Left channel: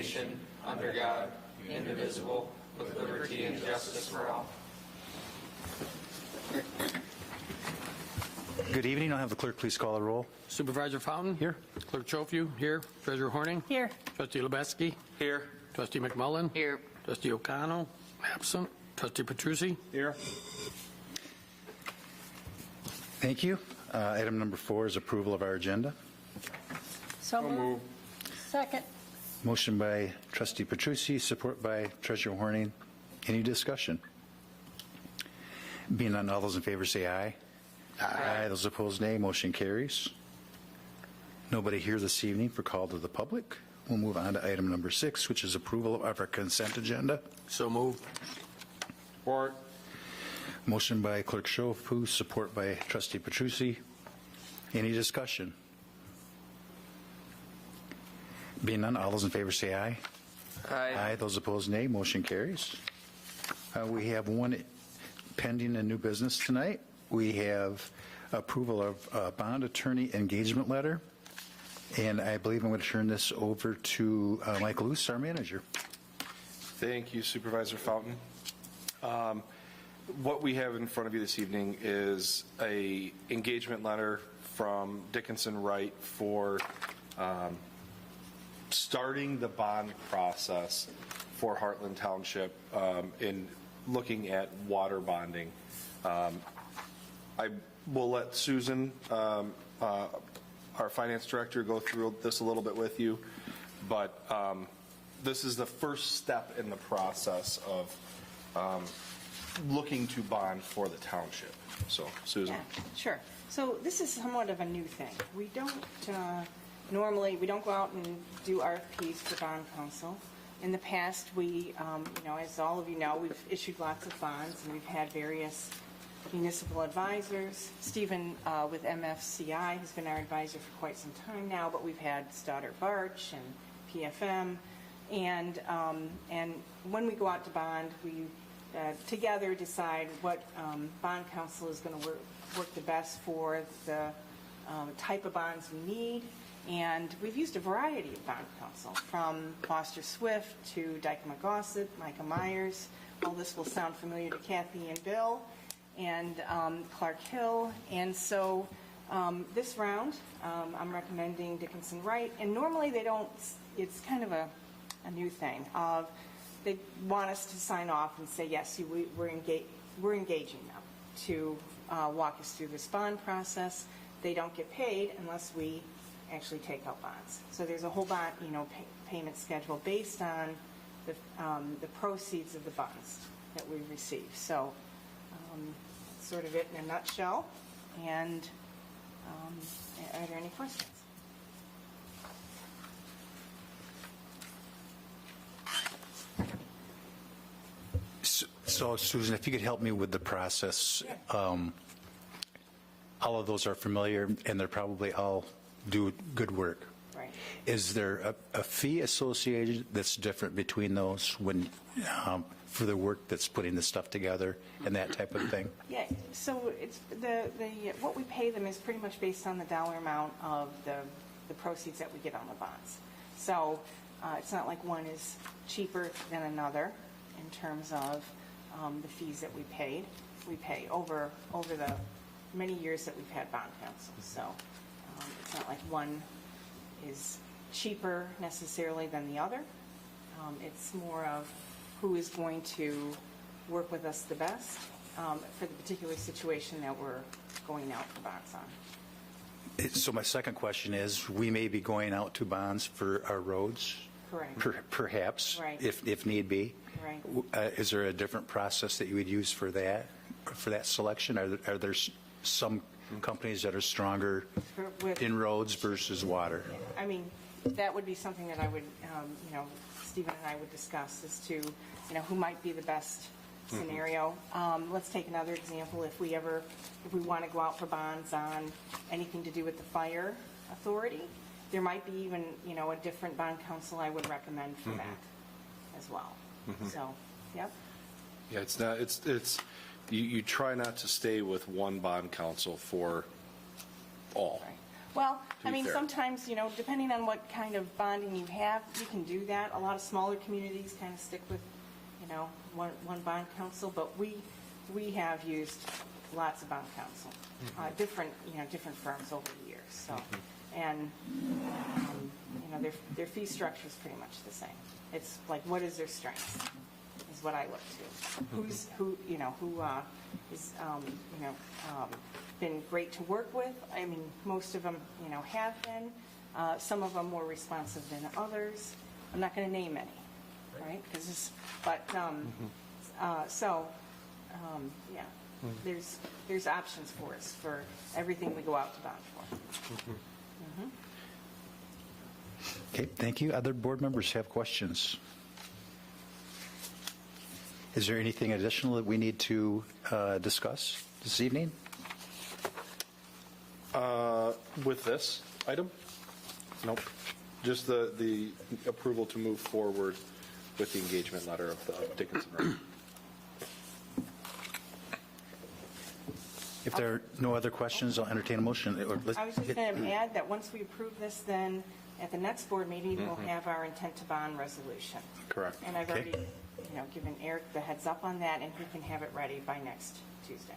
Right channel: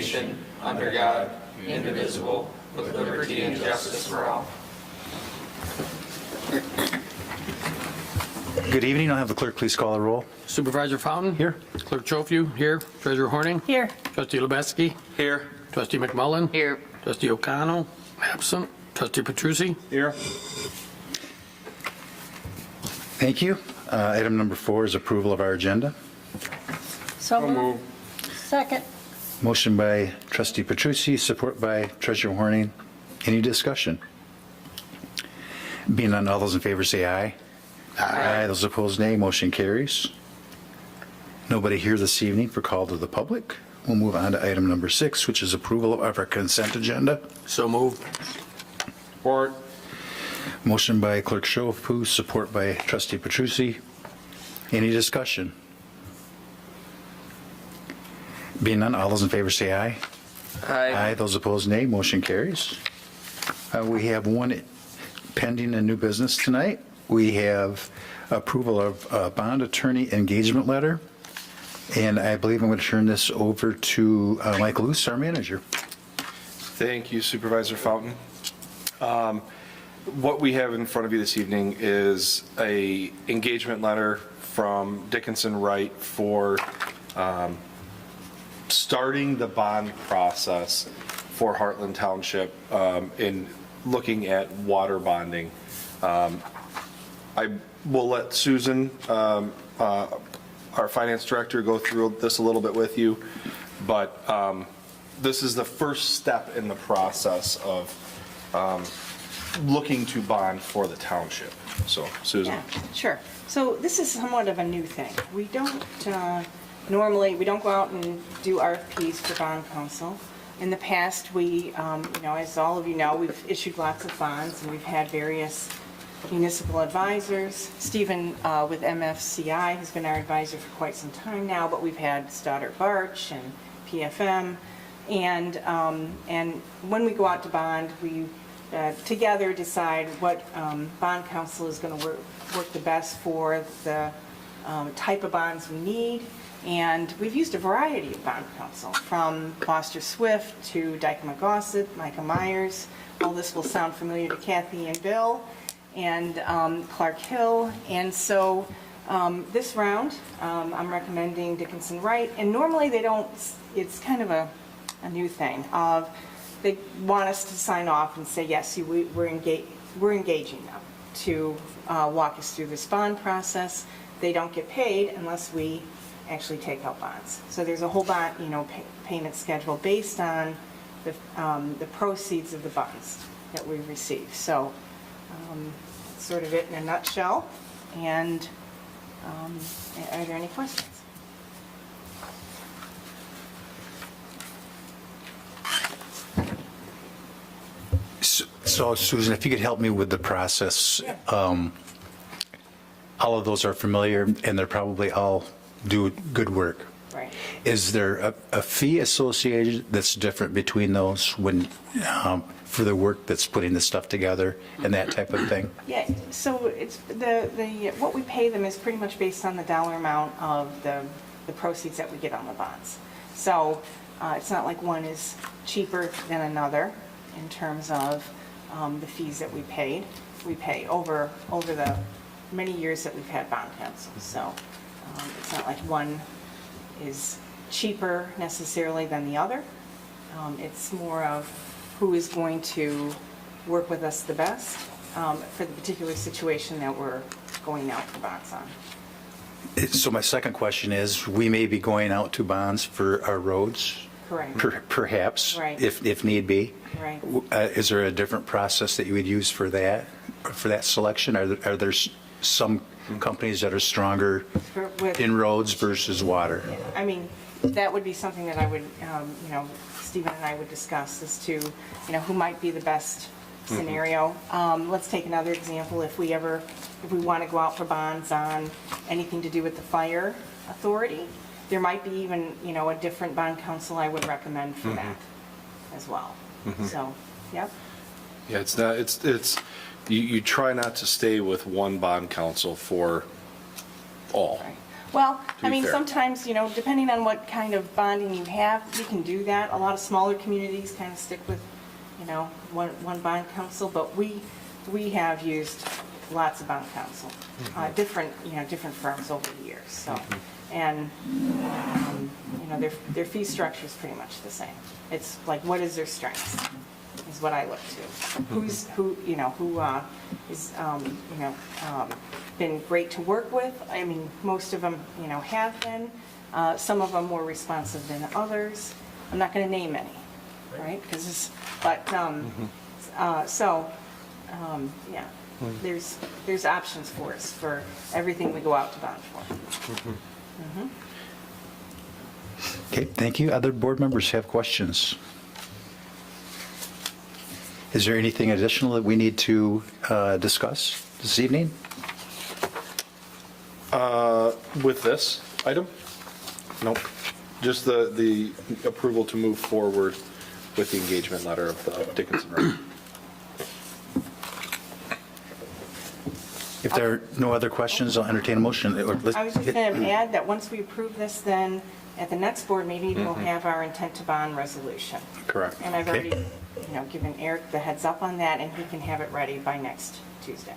nation, under God, indivisible, with liberty and justice for all. Good evening. I'll have the clerk please call the roll. Supervisor Fountain? Here. Clerk Trofew? Here. Treasurer Horning? Here. Trustee Lubetzky? Here. Trustee McMullen? Here. Trustee O'Connell? Absent. Trustee Petrucci? Here. Thank you. Item number 4 is approval of our agenda. So moved. Second. Motion by Trustee Petrucci, support by Treasurer Horning. Any discussion? Being none, all those in favor say aye. Aye. Those opposed, nay. Motion carries. Nobody here this evening for call to the public. We'll move on to item number 6, which is approval of our consent agenda. So moved. Support. Motion by Clerk Schofield, support by Trustee Petrucci. Any discussion? Being none, all those in favor say aye. Aye. Those opposed, nay. Motion carries. We have one pending in new business tonight. We have approval of a bond attorney engagement letter. And I believe I'm going to turn this over to Mike Luce, our manager. Thank you, Supervisor Fountain. What we have in front of you this evening is a engagement letter from Dickinson Wright for starting the bond process for Heartland Township in looking at water bonding. I will let Susan, our finance director, go through this a little bit with you, but this is the first step in the process of looking to bond for the township. So, Susan. Yeah, sure. So this is somewhat of a new thing. We don't, normally, we don't go out and do RFPs for bond counsel. In the past, we, as all of you know, we've issued lots of bonds and we've had various municipal advisors. Stephen with MFCI has been our advisor for quite some time now, but we've had Stoddard Barch and PFM. And when we go out to bond, we together decide what bond counsel is going to work the best for the type of bonds we need. And we've used a variety of bond counsel, from Foster Swift to Dykema Gossett, Micah Myers. All this will sound familiar to Kathy and Bill, and Clark Hill. And so this round, I'm recommending Dickinson Wright. And normally they don't, it's kind of a new thing. They want us to sign off and say, yes, we're engaging them to walk us through this bond process. They don't get paid unless we actually take out bonds. So there's a whole bond, payment schedule based on the proceeds of the bonds that we receive. So that's sort of it in a nutshell. And are there any questions? So Susan, if you could help me with the process. Yeah. All of those are familiar and they're probably all do good work. Right. Is there a fee associated that's different between those when for the work that's putting the stuff together and that type of thing? Yeah, so it's what we pay them is pretty much based on the dollar amount of the proceeds that we get on the bonds. So it's not like one is cheaper than another in terms of the fees that we paid. We pay over the many years that we've had bond counsel. So it's not like one is cheaper necessarily than the other. It's more of who is going to work with us the best for the particular situation that we're going out for bonds on. So my second question is, we may be going out to bonds for our roads? Correct. Perhaps, Right. if need be. Right. Is there a different process that you would use for that selection? Are there some companies that are stronger in roads versus water? I mean, that would be something that I would, Stephen and I would discuss as to, who might be the best scenario. Let's take another example. If we want to go out for bonds on anything to do with the fire authority, there might be even, a different bond counsel I would recommend for that as well. So, yep. Yeah, it's not, you try not to stay with one bond counsel for all. Right. Well, I be mean, fair. sometimes, you know, depending on what kind of bonding you have, you can do that. A lot of smaller communities kind of stick with, you know, one bond council, but we have used lots of bond council, different, you know, different firms over the years, so. And, you know, their fee structure is pretty much the same. It's like, what is their strength, is what I look to. Who is, you know, been great to work with. I mean, most of them, you know, have been. Some of them more responsive than others. I'm not going to name any, right? Because, yeah, there's options for us for everything we go out to bond for. Okay, thank you. Other board members have questions? Is there anything additional that we need to discuss this evening? With this item? Nope. Just the approval to move forward with the engagement letter of the Dickinson Road. If there are no other questions, I'll entertain a motion. I was just going to add that once we approve this, then at the next board meeting, we'll have our intent to bond resolution. Correct. And I've Okay. already, you know, given Eric the heads up on that, and he can have it ready by next Tuesday.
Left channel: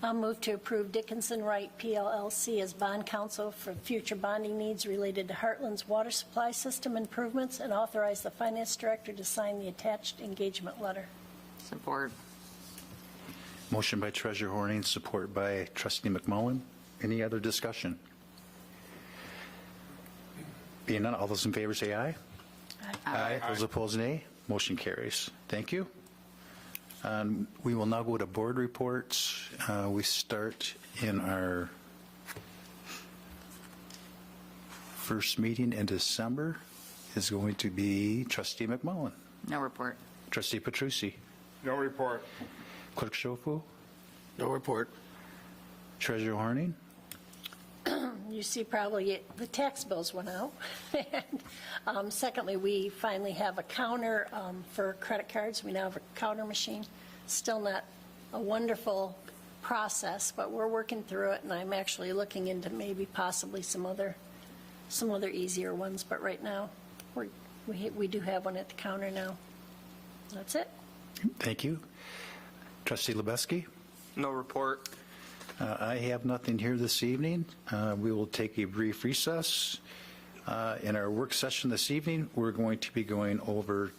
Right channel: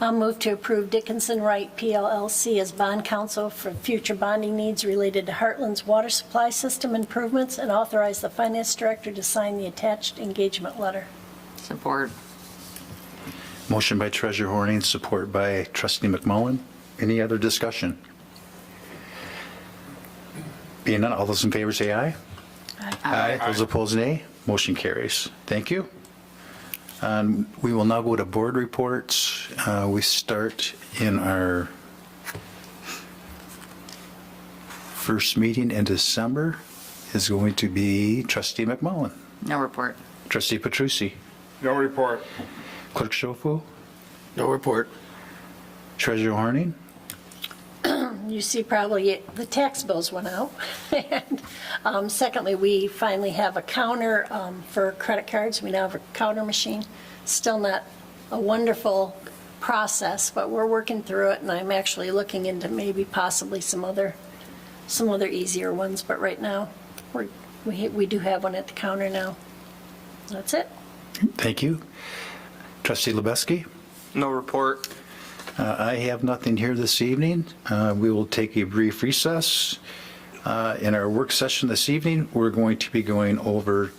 I'll move to approve Dickinson Wright PLLC as bond counsel for future bonding needs related to Heartland's water supply system improvements and authorize the finance director to sign the attached engagement letter. Support. Motion by Treasurer Horning, support by Trustee McMullen. Any other discussion? Being none, all those in favor say aye. Aye. Those opposed, nay. Motion carries. Thank you. We will now go to board reports. We start in our first meeting in December is going to be Trustee McMullen, No report. Trustee Petrucci, No report. Clerk Schofield, No report. Treasurer Horning. You see probably the tax bills went out. And secondly, we finally have a counter for credit cards. We now have a counter machine. Still not a wonderful process, but we're working through it, and I'm actually looking into maybe possibly some other easier ones, but right now, we do have one at the counter now. That's it. Thank you. Trustee Lubeski. No report. I have nothing here this evening. We will take a brief recess. In our work session this evening, we're going to be going over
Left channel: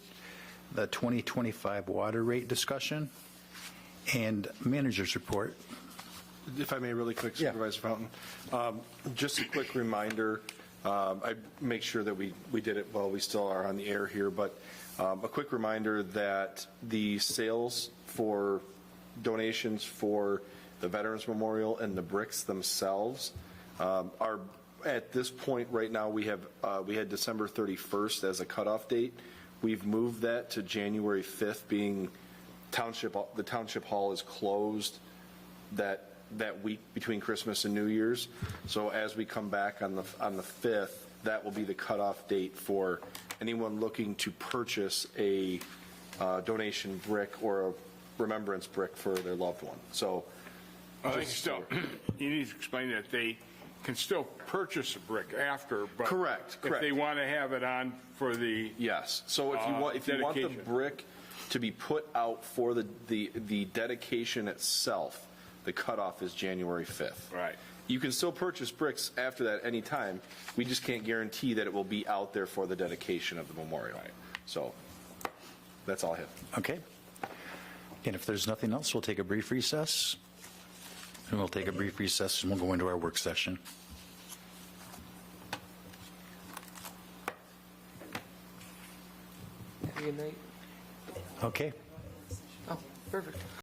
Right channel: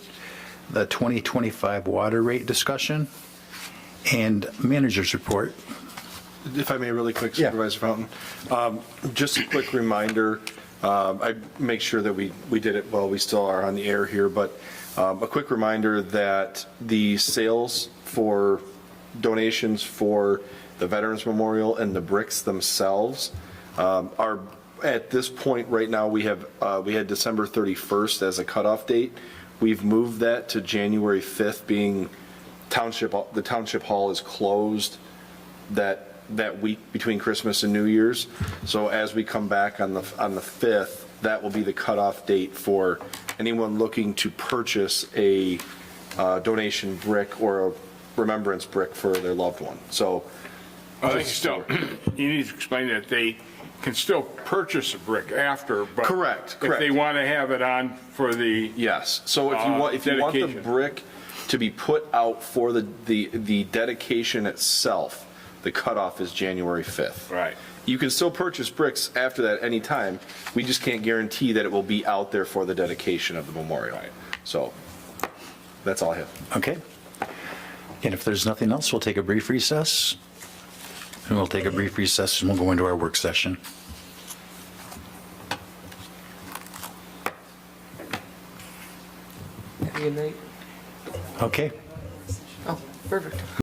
the 2025 water rate discussion and manager's report. If I may, really quick, Yeah. Supervisor Fountain. Just a quick reminder, I make sure that we did it while we still are on the air here, but a quick reminder that the sales for donations for the Veterans Memorial and the bricks themselves are, at this point right now, we had December 31st as a cutoff date. We've moved that to January 5th, being the township hall is closed that week between Christmas and New Year's. So as we come back on the 5th, that will be the cutoff date for anyone looking to purchase a donation brick or a remembrance brick for their loved one. So They still, you need to explain that they can still purchase a brick after, but. Correct. If they want to have it on for the. yes, so if you want the Dedication. brick to be put out for the dedication itself, the cutoff is January 5th. Right. You can still purchase bricks after that anytime. We just can't guarantee that it will be out there for the dedication of the memorial. So that's all I have. Okay. And if there's nothing else, we'll take a brief recess. And we'll take a brief recess and we'll go into our work session. Good night. Okay. Oh, perfect.